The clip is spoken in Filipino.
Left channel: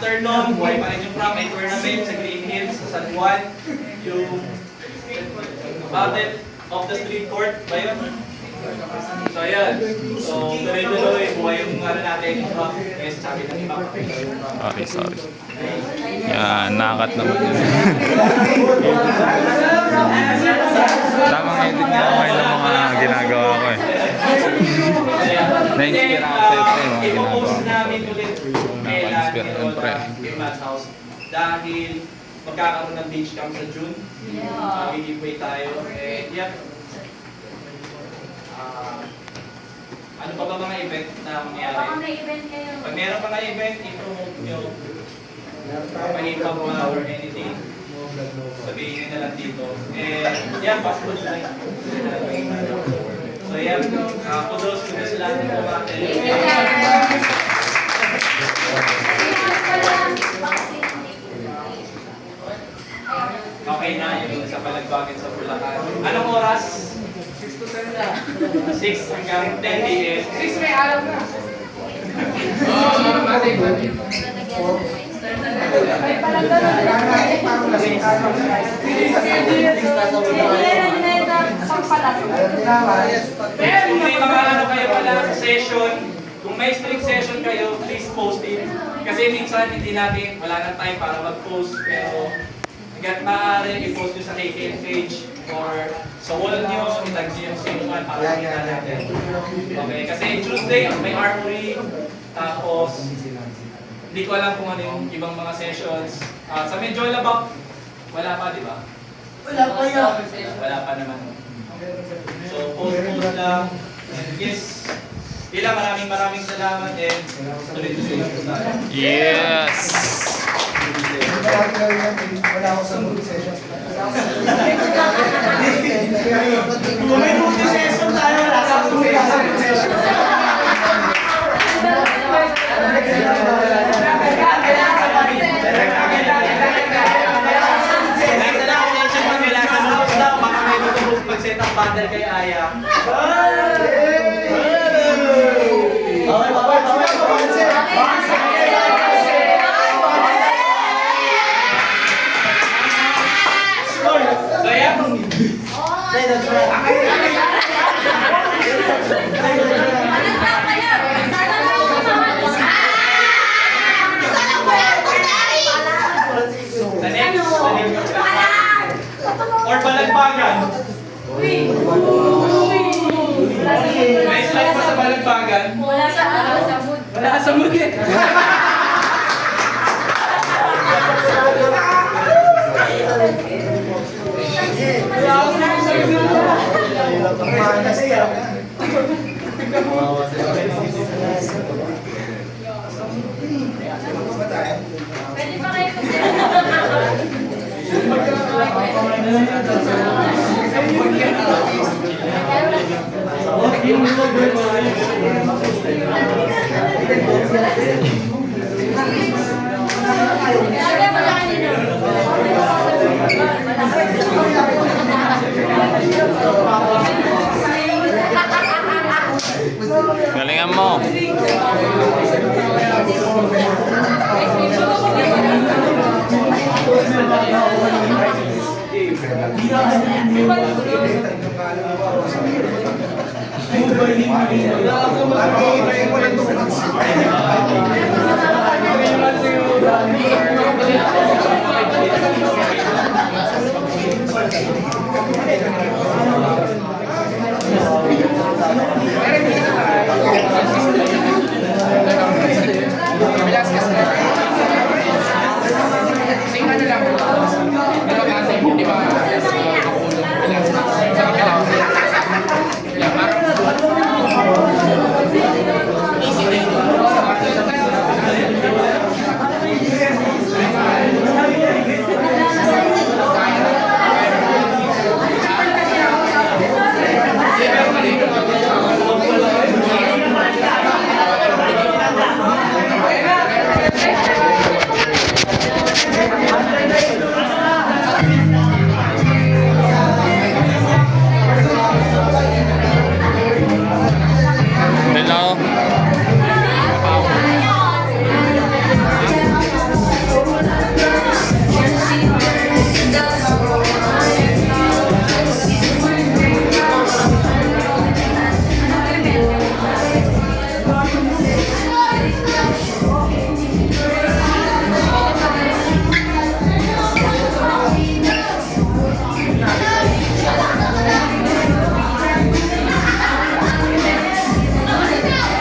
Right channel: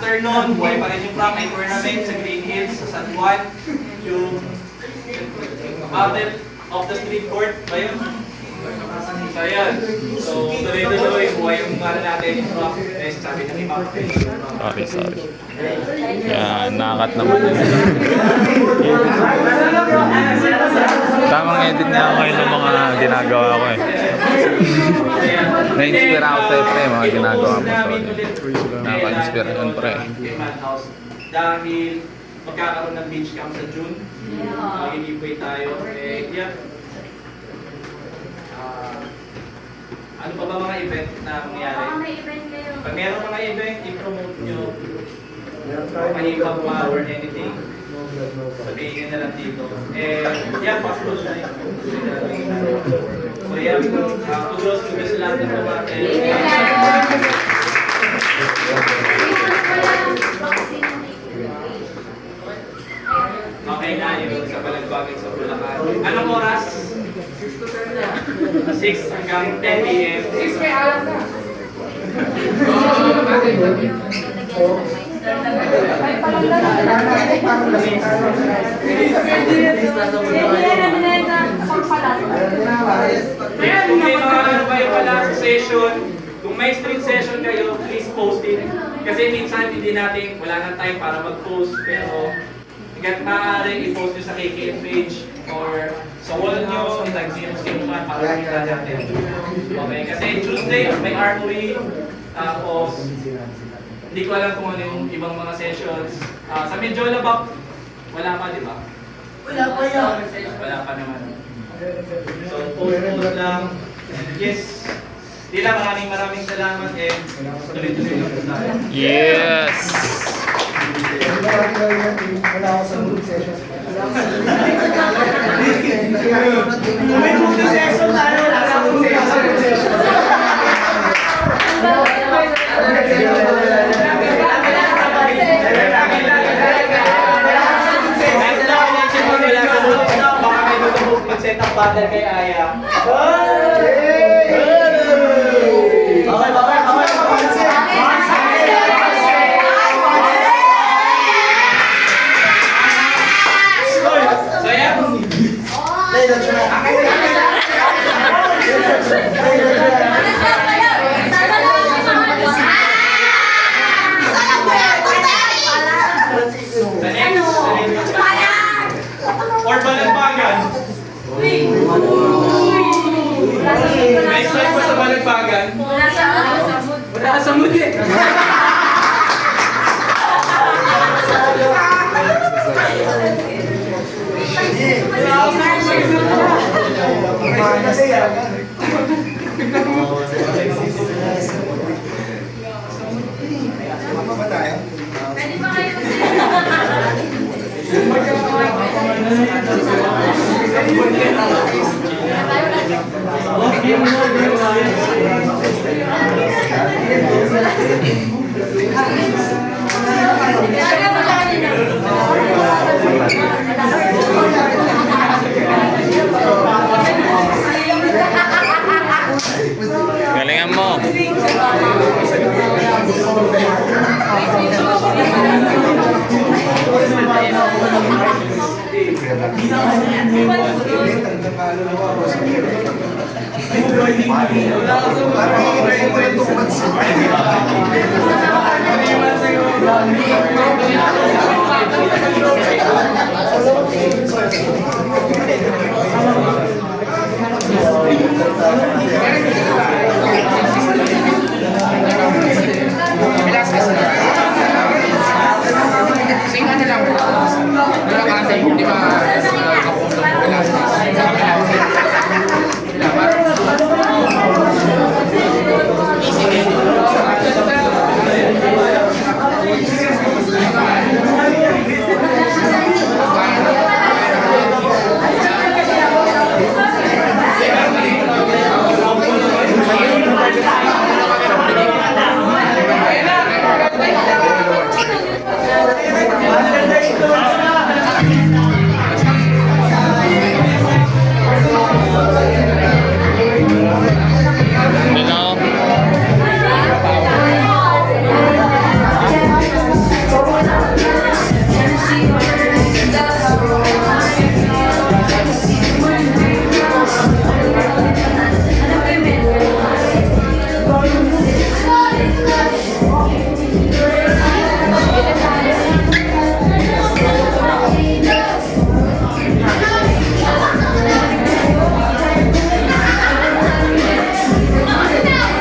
afternoon, buhay pa rin yung prank night tournament sa Green Hills, sa San Juan. Yung Battle of the Street Court ba yun? So yan. So tuloy-tuloy, buhay yung natin yung prank. Eh, sabi ng iba. Sorry. Yan, nakat naman. Tamang edit niya ako ngayon ng mga ginagawa ko eh. Na-inspire ako sa pre, mga ginagawa mo. Sorry. Nakaka-inspire ng pre. Dahil magkakaroon ng beach camp sa June. Mag-giveaway tayo. Eh, yeah. Ano pa ba mga event na mangyayari? Pag meron mga event, i-promote nyo. Manipag or anything. Sabihin nyo na lang dito. Eh, yeah, possible na. So yeah, kudos lang dito natin. Okay na yung sa Balagbagan sa Bulacan. Anong oras? 6 hanggang 10 p.m. 6 may alam na. Ay, parang Kung may mga ano kayo pala sa session, kung may street session kayo, please post it. Kasi minsan hindi natin, wala nang time para mag-post. Pero hanggang maaari, i-post nyo sa KKN page or sa wall nyo, itag sino man para makita natin. Okay, kasi Tuesday may armory, tapos hindi ko alam kung ano yung ibang mga sessions. Sa Medjola Bak, wala pa, di ba? Wala pa yan. Wala pa naman. So, post lang. Yes. Dila, maraming salamat and tuloy-tuloy na po tayo. Yes! Wala ako sa group session. Kung may group session tayo, wala sa group session. Mag-set up battle kay Aya. Or Balagbagan. May slide pa sa Balagbagan. Wala sa mood eh. Galingan mo! Sing ano lang, malakasing, di ba?